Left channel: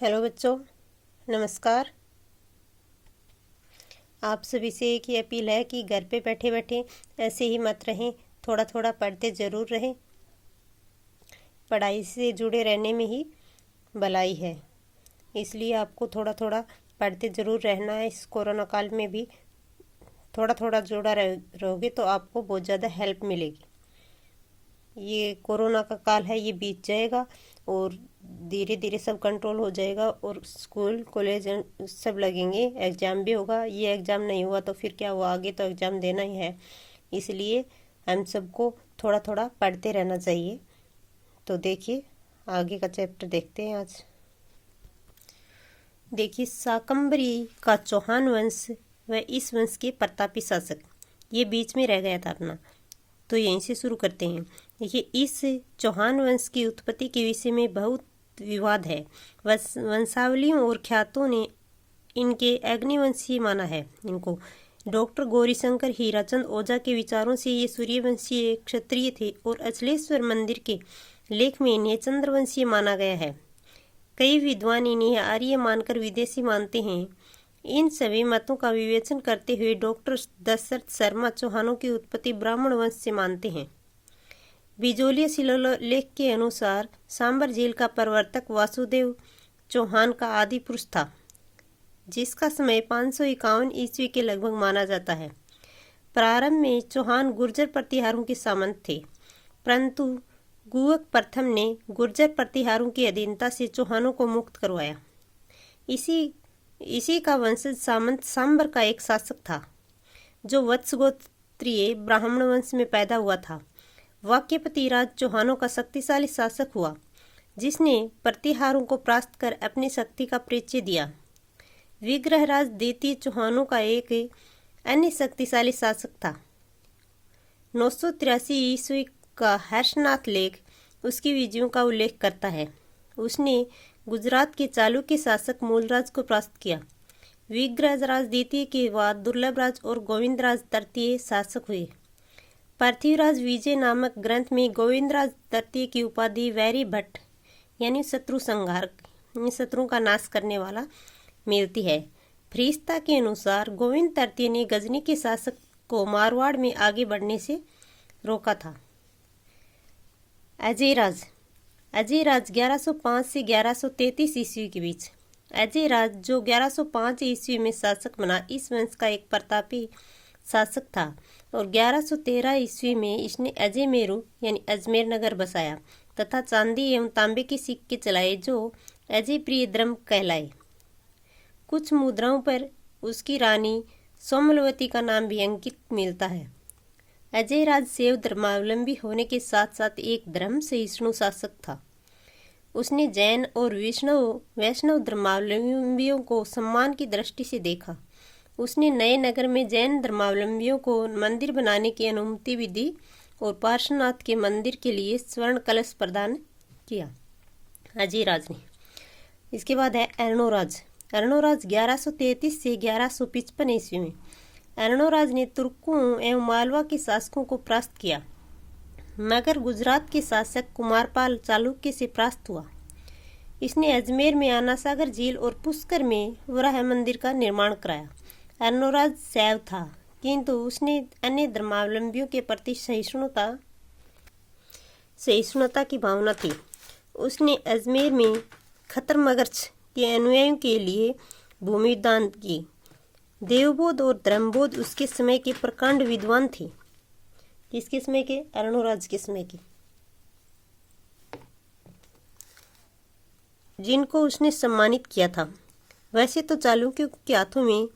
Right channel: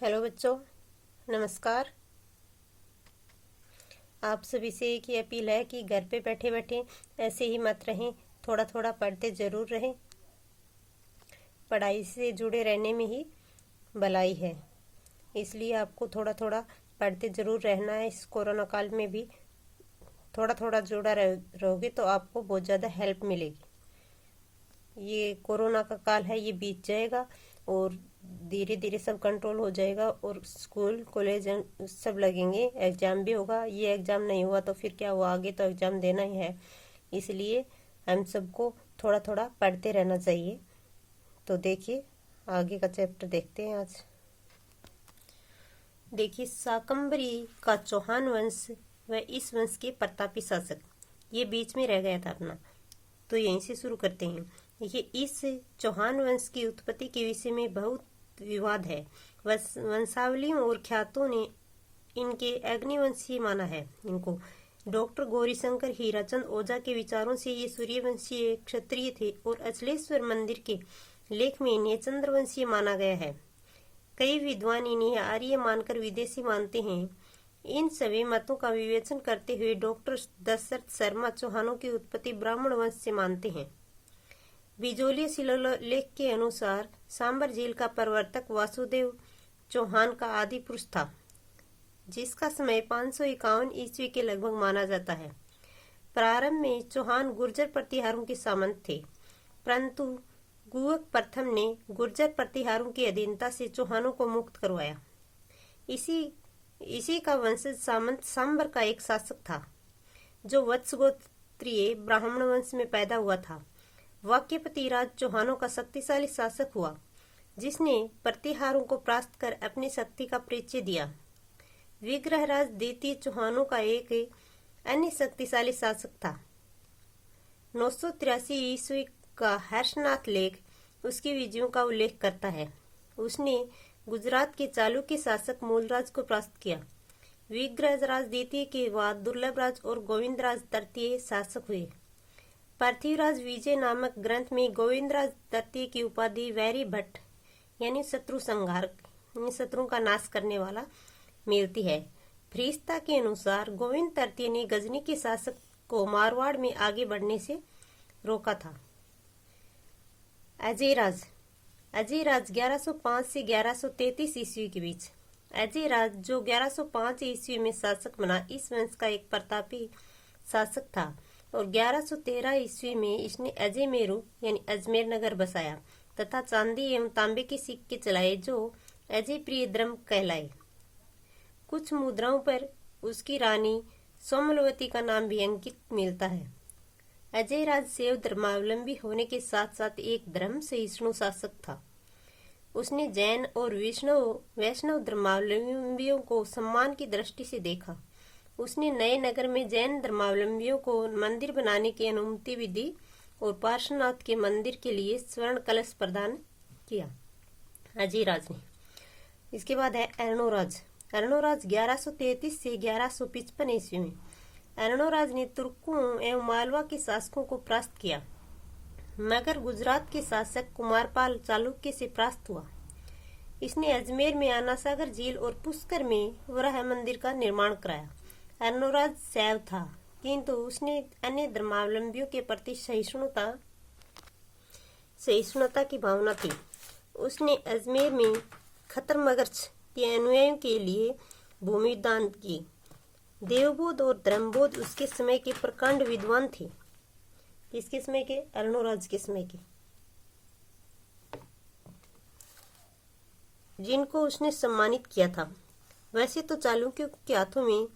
Hello बच्चों, नमस्कार। आप सभी से एक ही अपील है कि घर पे बैठे बैठे ऐसे ही मत रहें, थोड़ा थोड़ा पढ़ते ज़रूर रहें। पढ़ाई से जुड़े रहने में ही भलाई है, इसलिए आपको थोड़ा थोड़ा पढ़ते ज़रूर रहना है। इस कोरोना काल में भी थोड़ा थोड़ा जुड़ा रहोगे तो आपको बहुत ज़्यादा हेल्प मिलेगी। ये कोरोना का काल है, ये बीत जाएगा और धीरे धीरे सब कंट्रोल हो जाएगा और स्कूल कॉलेज सब लगेंगे, एग्ज़ाम भी होगा। ये एग्ज़ाम नहीं हुआ तो फिर क्या हुआ, आगे तो एग्ज़ाम देना ही है। इसलिए हम सबको थोड़ा थोड़ा पढ़ते रहना चाहिए। तो देखिए, आगे का चैप्टर देखते हैं आज। देखिए, शाकंभरी का चौहान वंश व इस वंश के प्रतापी शासक, ये बीच में रह गया था अपना, तो यहीं से शुरू करते हैं। देखिए, इस चौहान वंश की उत्पत्ति के विषय में बहुत विवाद है। वंशावलियों और ख्यातों ने इनके अग्निवंशीय माना है। इनको डॉक्टर गौरीशंकर हीराचंद ओझा के विचारों से ये सूर्यवंशीय क्षत्रिय थे और अचलेश्वर मंदिर के लेख में इन्हें चंद्रवंशीय माना गया है। कई विद्वान इन्हें आर्य मानकर विदेशी मानते हैं। इन सभी मतों का विवेचन करते हुए डॉक्टर दशरथ शर्मा चौहानों की उत्पत्ति ब्राह्मण वंश से मानते हैं। बिजोलिया शिलालेख के अनुसार सांबर झील का प्रवर्तक वासुदेव चौहान का आदि पुरुष था, जिसका समय 551 ईस्वी के लगभग माना जाता है। प्रारंभ में चौहान गुर्जर प्रतिहारों के सामंत थे, परंतु गुवक प्रथम ने गुर्जर प्रतिहारों की अधीनता से चौहानों को मुक्त करवाया। इसी का वंशज सामंत सांबर का एक शासक था, जो वत्स गोत्रीय ब्राह्मण वंश में पैदा हुआ था। वाक्यपति राज चौहानों का शक्तिशाली शासक हुआ, जिसने प्रतिहारों को परास्त कर अपनी शक्ति का परिचय दिया। विग्रहराज द्वितीय चौहानों का एक अन्य शक्तिशाली शासक था। 983 ईस्वी का हर्षनाथ लेख उसकी विजयों का उल्लेख करता है। उसने गुजरात के चालुक्य शासक मूलराज को परास्त किया। विग्रहराज द्वितीय के बाद दुर्लभराज और गोविंदराज तृतीय शासक हुए। पार्थिवराज विजय नामक ग्रंथ में गोविंदराज तृतीय की उपाधि वैरी भट्ट यानी शत्रु संहार, शत्रुओं का नाश करने वाला मिलती है। फ्रीस्ता के अनुसार गोविंद तृतीय ने गजनी के शासक को मारवाड़ में आगे बढ़ने से रोका था। अजयराज 1105 से 1133 ईस्वी के बीच। अजयराज, जो 1105 ईस्वी में शासक बना, इस वंश का एक प्रतापी शासक था और 1113 ईस्वी में इसने अजय मेरू यानी अजमेर नगर बसाया तथा चांदी एवं तांबे के सिक्के चलाए, जो अजय प्रिय द्रम कहलाए। कुछ मुद्राओं पर उसकी रानी सोमलवती का नाम भी अंकित मिलता है। अजयराज शैव धर्मावलंबी होने के साथ साथ एक धर्म सहिष्णु शासक था। उसने जैन और वैष्णव धर्मावलंबियों को सम्मान की दृष्टि से देखा। उसने नए नगर में जैन धर्मावलंबियों को मंदिर बनाने की अनुमति भी दी और पार्श्वनाथ के मंदिर के लिए स्वर्ण कलश प्रदान किया अजयराज ने। इसके बाद है अर्णोराज 1133 से 1155 ईस्वी में। अर्णोराज ने तुर्कों एवं मालवा के शासकों को परास्त किया, मगर गुजरात के शासक कुमारपाल चालुक्य से परास्त हुआ। इसने अजमेर में आनासागर झील और पुष्कर में वराह मंदिर का निर्माण कराया। अर्णोराज शैव था, किंतु उसने अन्य धर्मावलंबियों के प्रति सहिष्णुता की भावना थी। उसने अजमेर में खतरमगर्च के अनुयायियों के लिए भूमि दान की। देवबोध और धर्मबोध उसके समय के प्रकांड विद्वान थे। किसके समय के? अर्णोराज के समय के, जिनको उसने सम्मानित किया था। वैसे तो चालुक्यों के हाथों में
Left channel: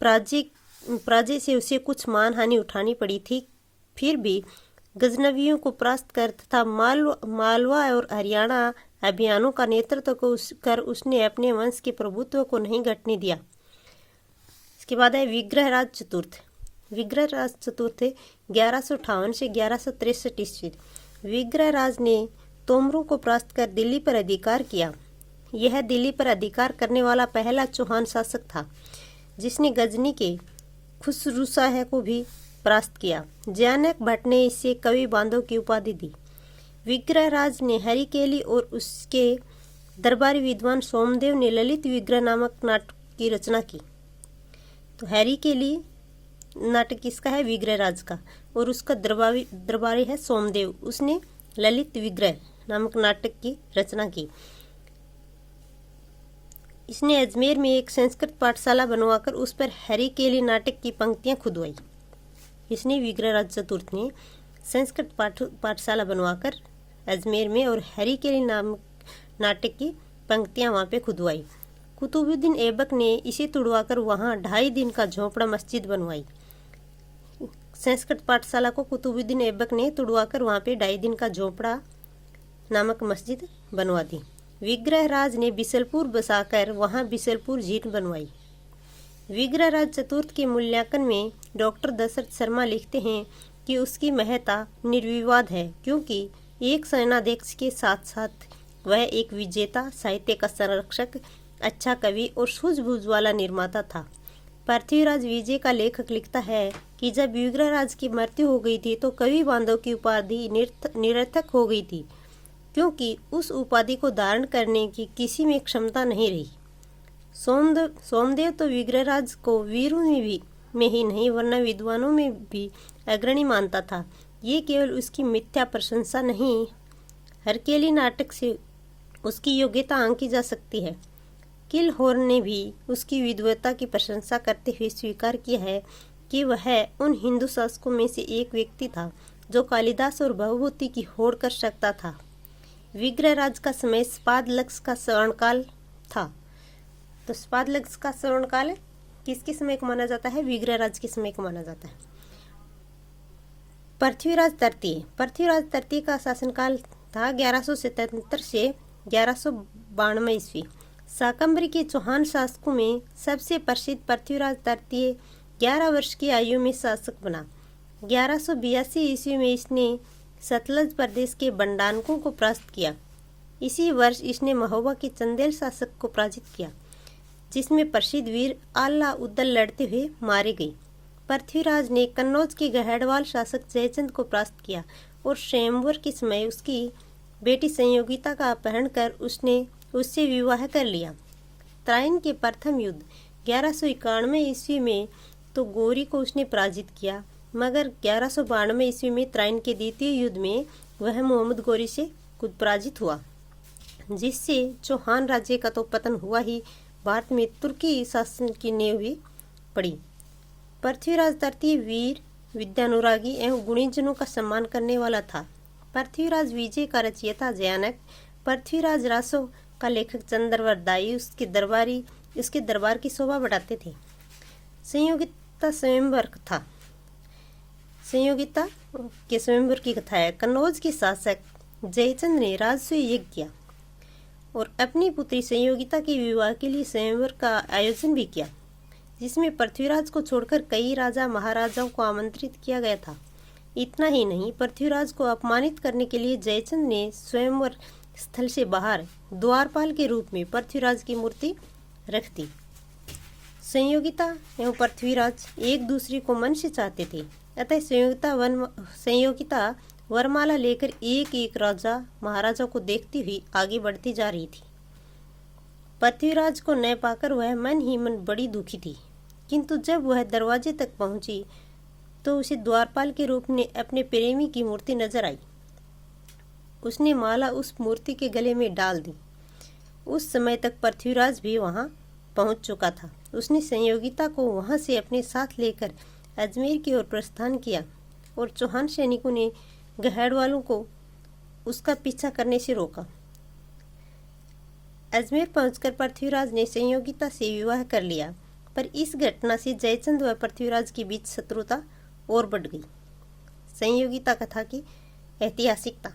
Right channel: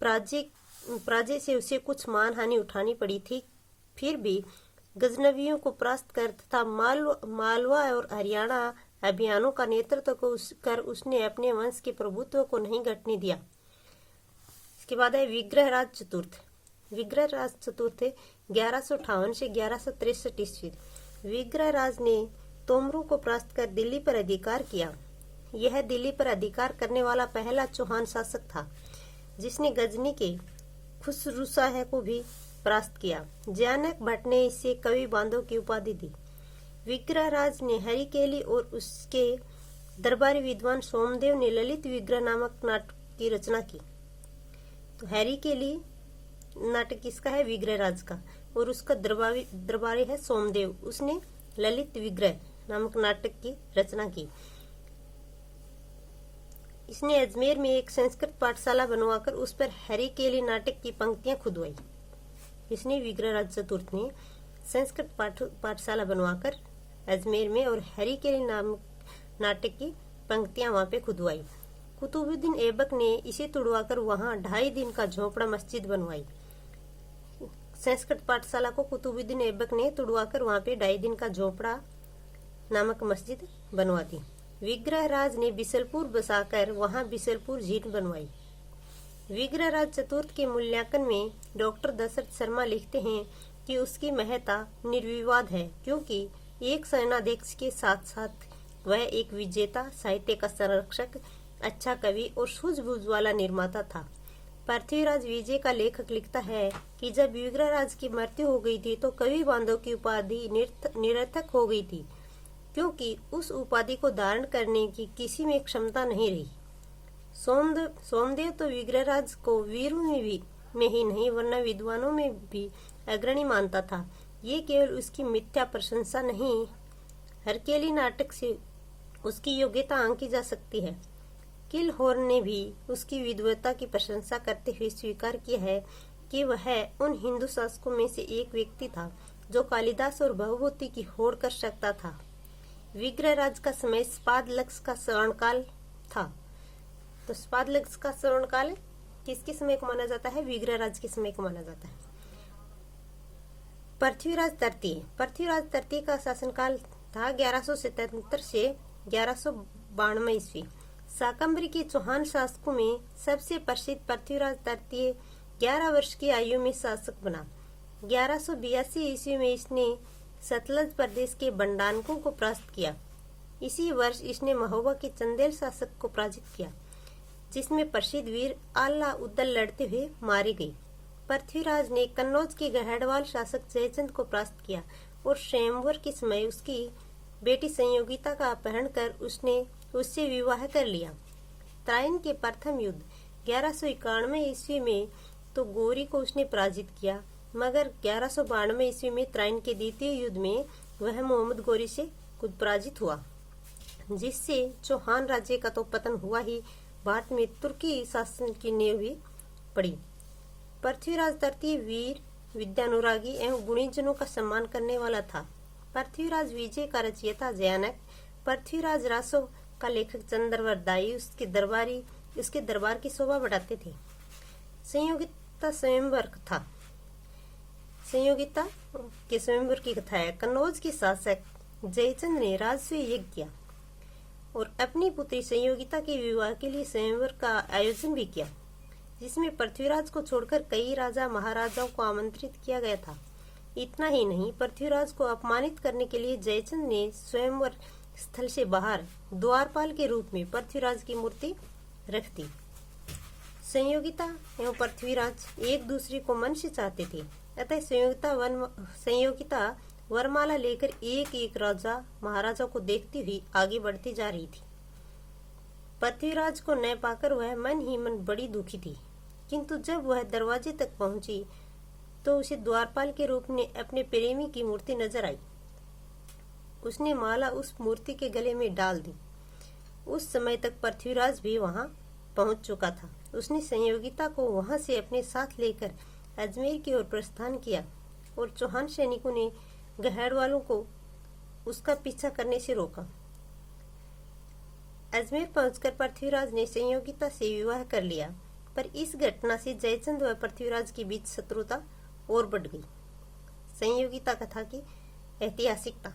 पराजय से उसे कुछ मान हानि उठानी पड़ी थी, फिर भी गजनवियों को परास्त कर तथा मालवा और हरियाणा अभियानों का नेतृत्व कर उसने अपने वंश के प्रभुत्व को नहीं घटने दिया। इसके बाद है विग्रहराज चतुर्थ 1158 से 1163 ईस्वी। विग्रहराज ने तोमरों को परास्त कर दिल्ली पर अधिकार किया। यह दिल्ली पर अधिकार करने वाला पहला चौहान शासक था, जिसने गजनी के खुसरूशाह को भी परास्त किया। जयानक भट्ट ने इसे कवि बांधव की उपाधि दी। विग्रहराज ने हरिकेली और उसके दरबारी विद्वान सोमदेव ने ललित विग्रह नामक नाटक की रचना की। तो हैरी के लिए नाटक किसका है? विग्रहराज का, और उसका दरबारी है सोमदेव। उसने ललित विग्रह नामक नाटक की रचना की। इसने अजमेर में एक संस्कृत पाठशाला बनवाकर उस पर हैरी के लिए नाटक की पंक्तियां खुदवाई। इसने विग्रहराज चतुर्थ ने संस्कृत पाठशाला बनवाकर अजमेर में और हैरी के लिए नाटक की पंक्तियां वहां पे खुदवाई। कुतुबुद्दीन ऐबक ने इसे तुड़वाकर वहां 2.5 दिन का झोपड़ा मस्जिद बनवाई। संस्कृत पाठशाला को कुतुबुद्दीन ऐबक ने तुड़वाकर वहां पे 2.5 दिन का झोपड़ा नामक मस्जिद बनवा दी। विग्रहराज ने बिसलपुर बसाकर वहां बिसलपुर झील बनवाई। विग्रहराज चतुर्थ के मूल्यांकन में डॉक्टर दशरथ शर्मा लिखते हैं कि उसकी महत्ता निर्विवाद है, क्योंकि एक सेनाध्यक्ष के साथ साथ वह एक विजेता, साहित्य का संरक्षक, अच्छा कवि और सूझबूझ वाला निर्माता था। पृथ्वीराज विजय का लेखक लिखता है कि जब विग्रहराज की मृत्यु हो गई थी तो कवि बांधव की उपाधि निरर्थक हो गई थी, क्योंकि उस उपाधि को धारण करने की किसी में क्षमता नहीं रही। सोमदेव तो विग्रहराज को वीरों में ही नहीं वरना विद्वानों में भी अग्रणी मानता था। ये केवल उसकी मिथ्या प्रशंसा नहीं, हरकेली नाटक से उसकी योग्यता आंकी जा सकती है। किलहॉर्न ने भी उसकी विद्वता की प्रशंसा करते हुए स्वीकार किया है कि वह उन हिंदू शासकों में से एक व्यक्ति था जो कालिदास और भवभूति की होड़ कर सकता था। विग्रहराज का समय स्पादलक्ष का स्वर्णकाल था। तो स्पादलक्ष का स्वर्णकाल किसके समय को माना जाता है? विग्रहराज के समय को माना जाता है। पृथ्वीराज तृतीय का शासनकाल था 1177 से 1192 ईस्वी। शाकंभरी के चौहान शासकों में सबसे प्रसिद्ध पृथ्वीराज तृतीय 11 वर्ष की आयु में शासक बना। 1182 ईस्वी में इसने सतलज प्रदेश के बंडानकों को परास्त किया। इसी वर्ष इसने महोबा के चंदेल शासक को पराजित किया, जिसमें प्रसिद्ध वीर आल्ला उद्दल लड़ते हुए मारे गए। पृथ्वीराज ने कन्नौज के गहड़वाल शासक जयचंद को परास्त किया और स्वयंवर के समय उसकी बेटी संयोगिता का अपहरण कर उसने उससे विवाह कर लिया। त्राइन के प्रथम युद्ध 1191 ईस्वी में तो गौरी को उसने पराजित किया, मगर 1192 ईस्वी में त्राइन के द्वितीय युद्ध में वह मोहम्मद गौरी से खुद पराजित हुआ, जिससे चौहान राज्य का तो पतन हुआ ही, भारत में तुर्की शासन की नींव भी पड़ी। पृथ्वीराज तृतीय वीर, विद्यानुरागी एवं गुणीजनों का सम्मान करने वाला था। पृथ्वीराज विजय का रचयिता जयानक, पृथ्वीराज रासो का लेखक चंद्रवर दाई उसके दरबार की शोभा बढ़ाते थे। संयोगिता के स्वयंवर की कथा है। कन्नौज के शासक जयचंद ने राजसूय यज्ञ किया और अपनी पुत्री संयोगिता के विवाह के लिए स्वयंवर का आयोजन भी किया, जिसमें पृथ्वीराज को छोड़कर कई राजा महाराजाओं को आमंत्रित किया गया था। इतना ही नहीं, पृथ्वीराज को अपमानित करने के लिए जयचंद ने स्वयंवर स्थल से बाहर द्वारपाल के रूप में पृथ्वीराज की मूर्ति रख दी। संयोगिता एवं पृथ्वीराज एक दूसरे को मन से चाहते थे, अतः संयोगिता वरमाला लेकर एक एक राजा महाराजा को देखती हुई आगे बढ़ती जा रही थी। पृथ्वीराज को न पाकर वह मन ही मन बड़ी दुखी थी, किंतु जब वह दरवाजे तक पहुंची तो उसे द्वारपाल के रूप में अपने प्रेमी की मूर्ति नजर आई। उसने माला उस मूर्ति के गले में डाल दी। उस समय तक पृथ्वीराज भी वहां पहुंच चुका था। उसने संयोगिता को वहां से अपने साथ लेकर अजमेर की ओर प्रस्थान किया और चौहान सैनिकों ने गहड़वालों को उसका पीछा करने से रोका। अजमेर पहुंचकर पृथ्वीराज ने संयोगिता से विवाह कर लिया, पर इस घटना से जयचंद व पृथ्वीराज के बीच शत्रुता और बढ़ गई। संयोगिता कथा की ऐतिहासिकता।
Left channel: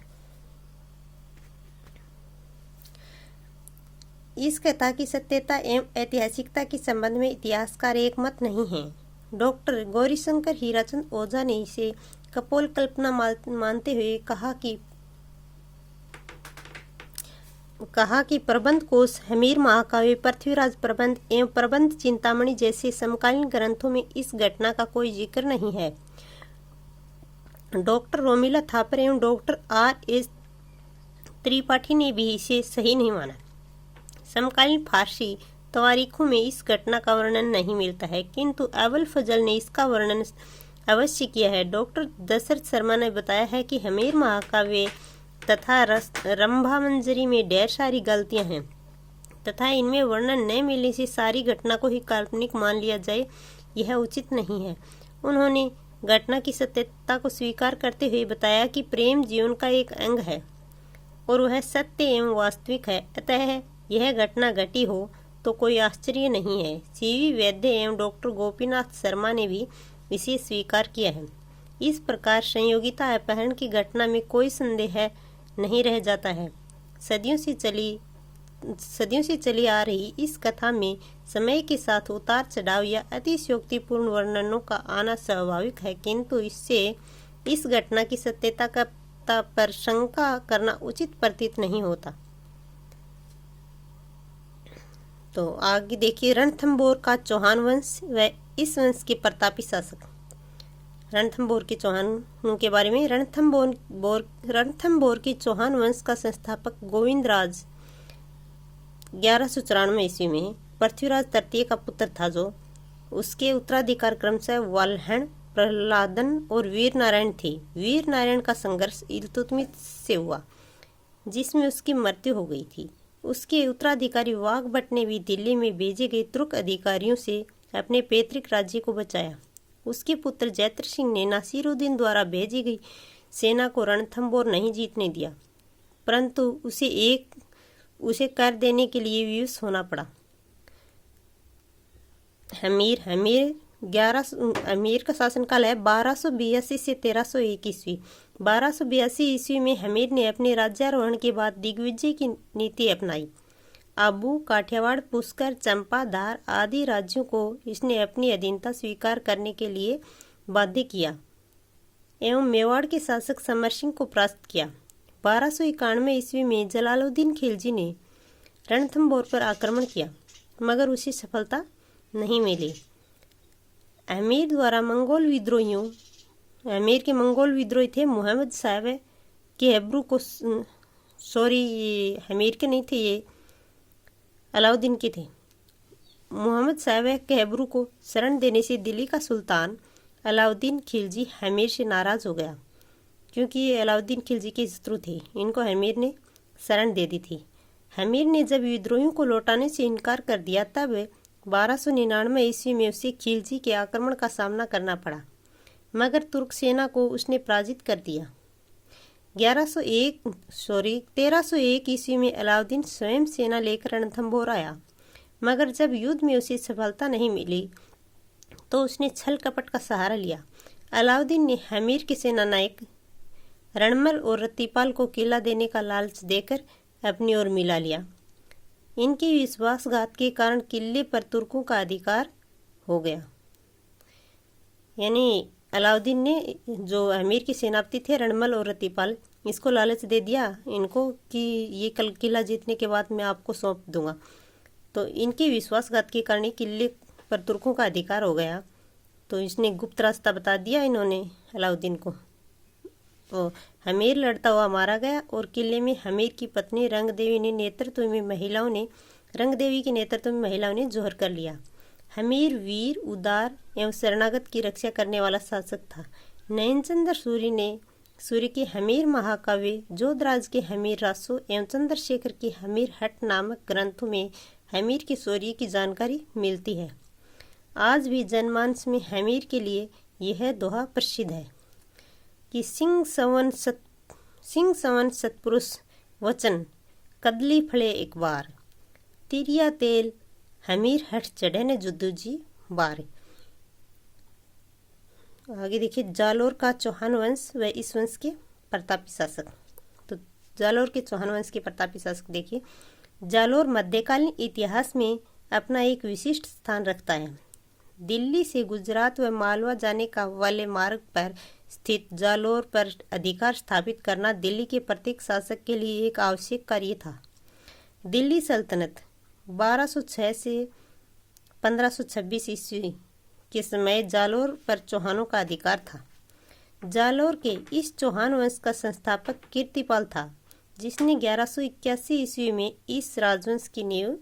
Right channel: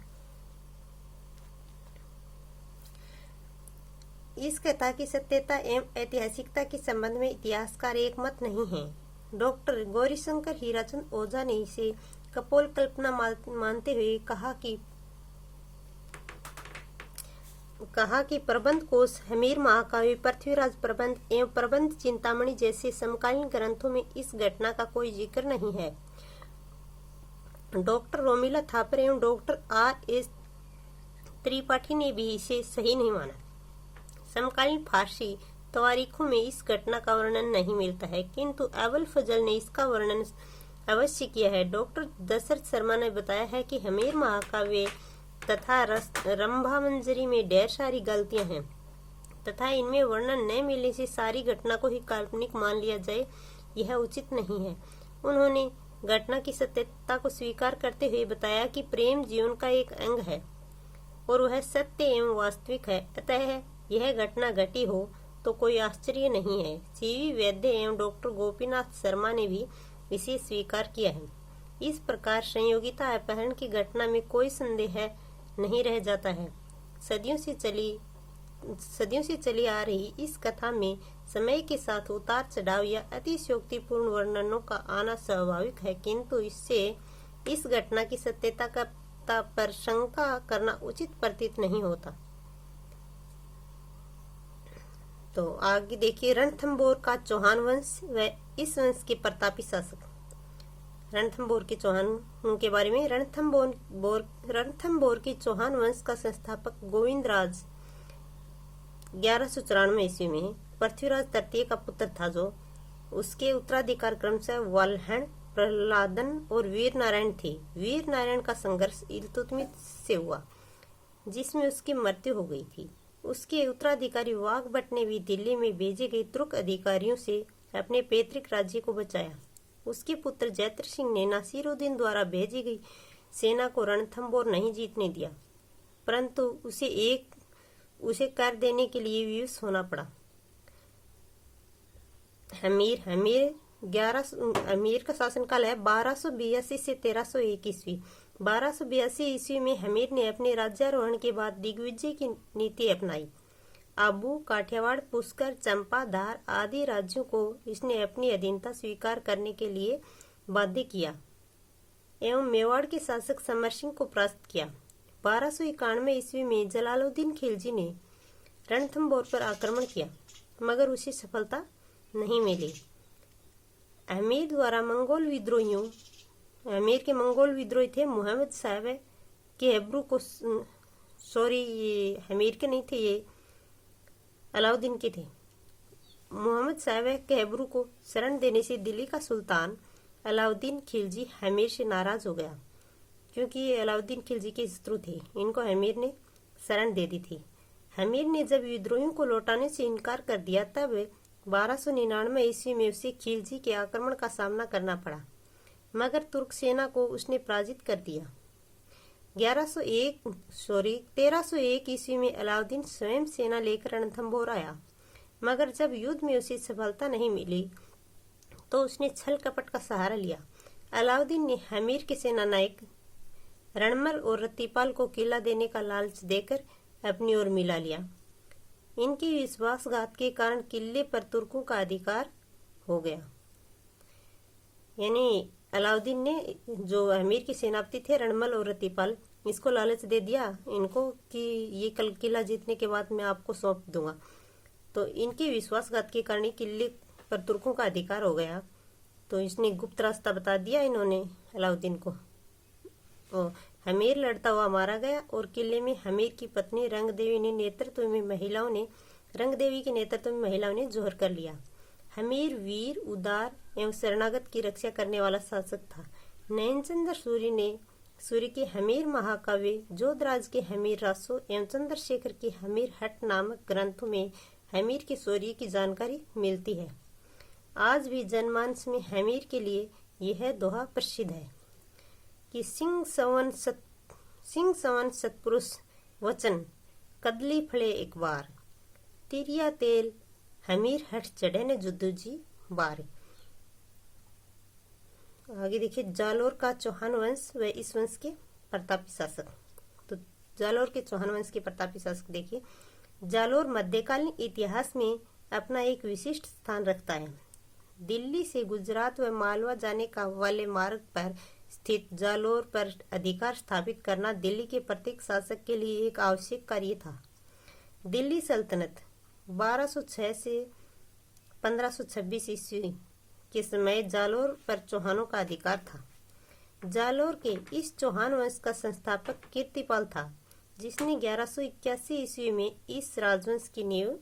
इस कथा की सत्यता एवं ऐतिहासिकता के संबंध में इतिहासकार एक मत नहीं है। डॉक्टर गौरीशंकर हीराचंद ओझा ने इसे कपोल कल्पना मानते हुए कहा कि प्रबंध कोश, हमीर महाकाव्य, पृथ्वीराज प्रबंध एवं प्रबंध चिंतामणि जैसे समकालीन ग्रंथों में इस घटना का कोई जिक्र नहीं है। डॉक्टर रोमिला थापर एवं डॉक्टर R.S. त्रिपाठी ने भी इसे सही नहीं माना। समकालीन फारसी तवारीखों में इस घटना का वर्णन नहीं मिलता है, किंतु अबुल फजल ने इसका वर्णन अवश्य किया है। डॉक्टर दशरथ शर्मा ने बताया है कि हमीर महाकाव्य तथा रंभामंजरी में ढेर सारी गलतियां हैं तथा इनमें वर्णन न मिलने से सारी घटना को ही काल्पनिक मान लिया जाए, यह उचित नहीं है। उन्होंने घटना की सत्यता को स्वीकार करते हुए बताया कि प्रेम जीवन का एक अंग है और वह सत्य एवं वास्तविक है, अतः यह घटना घटी हो तो कोई आश्चर्य नहीं है। सीवी वैद्य एवं डॉक्टर गोपीनाथ शर्मा ने भी इसे स्वीकार किया है। इस प्रकार संयोगिता अपहरण की घटना में कोई संदेह नहीं रह जाता है। सदियों से चली आ रही इस कथा में समय के साथ उतार चढ़ाव या अतिशयोक्तिपूर्ण वर्णनों का आना स्वाभाविक है, किंतु इससे इस घटना की सत्यता पर शंका करना उचित प्रतीत नहीं होता। तो आगे देखिए, रणथंभौर का चौहान वंश व इस वंश के प्रतापी शासक। रणथंभौर के चौहानों के बारे में, रणथंभौर के चौहान वंश का संस्थापक गोविंदराज 1194 ईस्वी में पृथ्वीराज तृतीय का पुत्र था, जो उसके उत्तराधिकार क्रमशः वाल्हण, प्रहलादन और वीर नारायण थे। वीर नारायण का संघर्ष इल्तुतमिश से हुआ, जिसमें उसकी मृत्यु हो गई थी। उसके उत्तराधिकारी वाघभट ने भी दिल्ली में भेजे गए तुर्क अधिकारियों से अपने पैतृक राज्य को बचाया। उसके पुत्र जैत्र सिंह ने नासिरुद्दीन द्वारा भेजी गई सेना को रणथंभौर नहीं जीतने दिया, परंतु उसे कर देने के लिए विवश होना पड़ा। अमीर का शासनकाल है 1282 से 1301 ईस्वी। 1282 ईस्वी में हमीर ने अपने राज्यारोहण के बाद दिग्विजय की नीति अपनाई। आबू, काठियावाड़, पुष्कर, चंपा, धार आदि राज्यों को इसने अपनी अधीनता स्वीकार करने के लिए बाध्य किया एवं मेवाड़ के शासक समर सिंह को परास्त किया। 1291 ईस्वी में जलालुद्दीन खिलजी ने रणथंभौर पर आक्रमण किया, मगर उसे सफलता नहीं मिली। अमीर के मंगोल विद्रोही थे मोहम्मद साहब के हेब्रू को, अमीर के नहीं थे, ये अलाउद्दीन के थे। मोहम्मद साहब के हेब्रू को शरण देने से दिल्ली का सुल्तान अलाउद्दीन खिलजी हमीर से नाराज हो गया, क्योंकि ये अलाउद्दीन खिलजी के शत्रु थे। इनको हमीर ने शरण दे दी थी। हमीर ने जब विद्रोहियों को लौटाने से इनकार कर दिया, तब 1299 ईस्वी में उसे खिलजी के आक्रमण का सामना करना पड़ा, मगर तुर्क सेना को उसने पराजित कर दिया। 1301 ईस्वी में अलाउद्दीन स्वयं सेना लेकर रणथंभौर आया, मगर जब युद्ध में उसे सफलता नहीं मिली तो उसने छल कपट का सहारा लिया। अलाउद्दीन ने हमीर के सेना नायक रणमल और रत्तीपाल को किला देने का लालच देकर अपनी ओर मिला लिया। इनके विश्वासघात के कारण किले पर तुर्कों का अधिकार हो गया। यानी अलाउद्दीन ने, जो अमीर के सेनापति थे रणमल और रत्तीपाल, इसको लालच दे दिया इनको कि ये कल किला जीतने के बाद मैं आपको सौंप दूंगा। तो इनके विश्वासघात के कारण किले पर तुर्कों का अधिकार हो गया। तो इसने गुप्त रास्ता बता दिया इन्होंने अलाउद्दीन को। तो हमीर लड़ता हुआ मारा गया और किले में हमीर की पत्नी रंगदेवी के नेतृत्व में महिलाओं ने जोहर कर लिया। हमीर वीर, उदार एवं शरणागत की रक्षा करने वाला शासक था। नयनचंद्र सूर्य के हमीर महाकाव्य, जोधराज के हमीर रासो एवं चंद्रशेखर के हमीर हट नामक ग्रंथों में हमीर के शौर्य की जानकारी मिलती है। आज भी जनमानस में हमीर के लिए यह दोहा प्रसिद्ध है कि सिंह सवन सत्पुरुष वचन, कदली फले एक बार, तिरिया तेल हमीर हट चढ़े ने जुद्दू जी बार। आगे देखिए, जालोर का चौहान वंश व इस वंश के प्रतापी शासक। तो जालोर के चौहान वंश के प्रतापी शासक देखिए, जालोर मध्यकालीन इतिहास में अपना एक विशिष्ट स्थान रखता है। दिल्ली से गुजरात व मालवा जाने का वाले मार्ग पर स्थित जालोर पर अधिकार स्थापित करना दिल्ली के प्रत्येक शासक के लिए एक आवश्यक कार्य था। दिल्ली सल्तनत 1206 से 1526 ईस्वी के समय जालोर पर चौहानों का अधिकार था। जालोर के इस चौहान वंश का संस्थापक कीर्तिपाल था, जिसने 1181 ईस्वी में इस राजवंश की नींव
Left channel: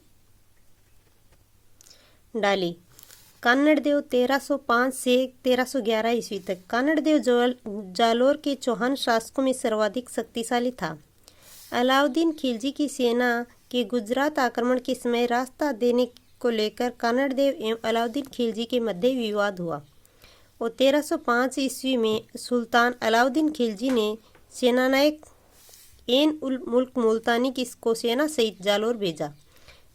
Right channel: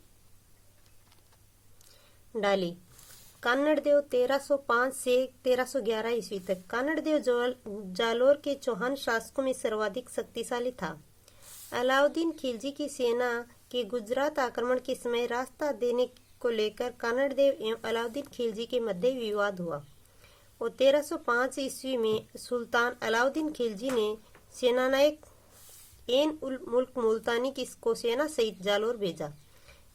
डाली। कान्नड़देव 1305 से 1311 ईस्वी तक। कान्नड़देव जालोर के चौहान शासकों में सर्वाधिक शक्तिशाली था। अलाउद्दीन खिलजी की सेना के गुजरात आक्रमण के समय रास्ता देने को लेकर कान्नड़देव एवं अलाउद्दीन खिलजी के मध्य विवाद हुआ और 1305 ईस्वी में सुल्तान अलाउद्दीन खिलजी ने सेनानायक एन उल मुल्क मुल्तानी को सेना सहित जालोर भेजा।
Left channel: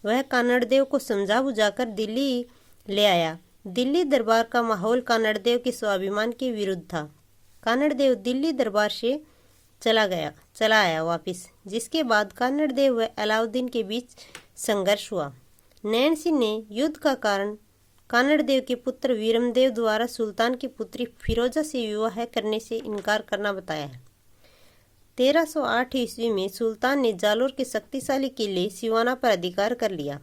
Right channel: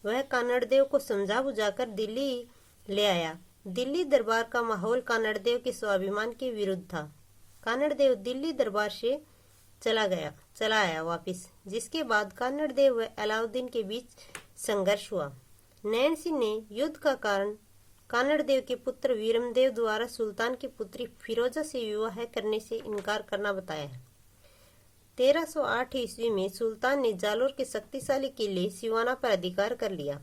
वह कान्नड़देव को समझा बुझाकर दिल्ली ले आया। दिल्ली दरबार का माहौल कान्नड़देव के स्वाभिमान के विरुद्ध था। कान्नड़देव दिल्ली दरबार से चला आया वापिस, जिसके बाद कान्नड़देव व अलाउद्दीन के बीच संघर्ष हुआ। नैन सिंह ने युद्ध का कारण कान्नड़देव के पुत्र वीरमदेव द्वारा सुल्तान की पुत्री फिरोजा से विवाह करने से इनकार करना बताया है। 1308 ईस्वी में सुल्तान ने जालोर के शक्तिशाली किले सिवाना पर अधिकार कर लिया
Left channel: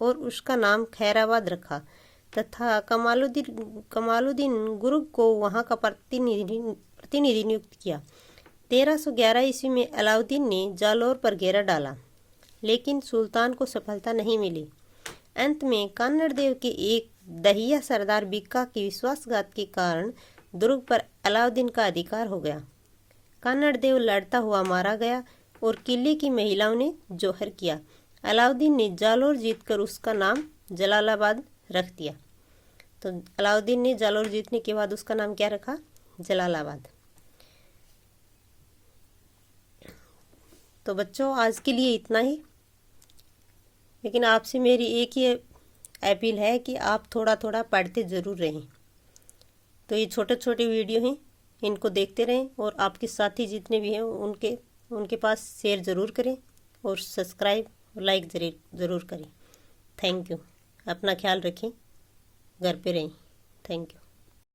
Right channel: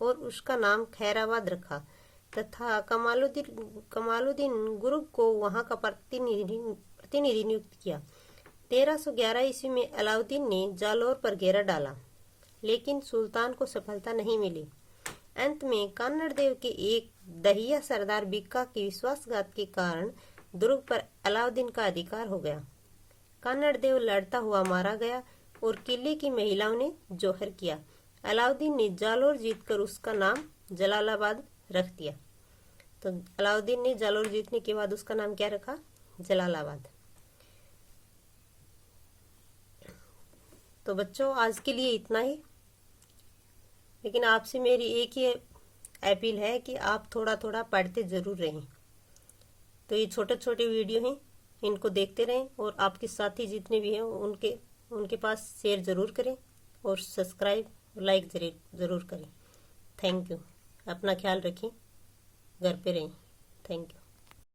और उसका नाम खैराबाद रखा तथा कमालुद्दीन गुरुग को वहां का प्रतिनिधि नियुक्त किया। 1311 ईस्वी में अलाउद्दीन ने जालोर पर घेरा डाला, लेकिन सुल्तान को सफलता नहीं मिली। अंत में कान्नड़देव के एक दहिया सरदार बिक्का की विश्वासघात के कारण दुर्ग पर अलाउद्दीन का अधिकार हो गया। कान्नड़देव लड़ता हुआ मारा गया और किले की महिलाओं ने जौहर किया। अलाउद्दीन ने जालोर जीतकर उसका नाम जलालाबाद रख दिया। तो अलाउद्दीन ने जालोर जीतने के बाद उसका नाम क्या रखा? जलालाबाद। तो बच्चों, आज के लिए इतना ही, लेकिन आपसे मेरी एक ही अपील है कि आप थोड़ा थोड़ा पढ़ते ज़रूर रहें। तो ये छोटे छोटे वीडियो हैं, इनको देखते रहें और आपके साथी जितने भी हैं उनके पास शेयर ज़रूर करें और सब्सक्राइब और लाइक ज़रूर करें। Thank you. अपना ख्याल रखें, घर पे रहें। Thank you.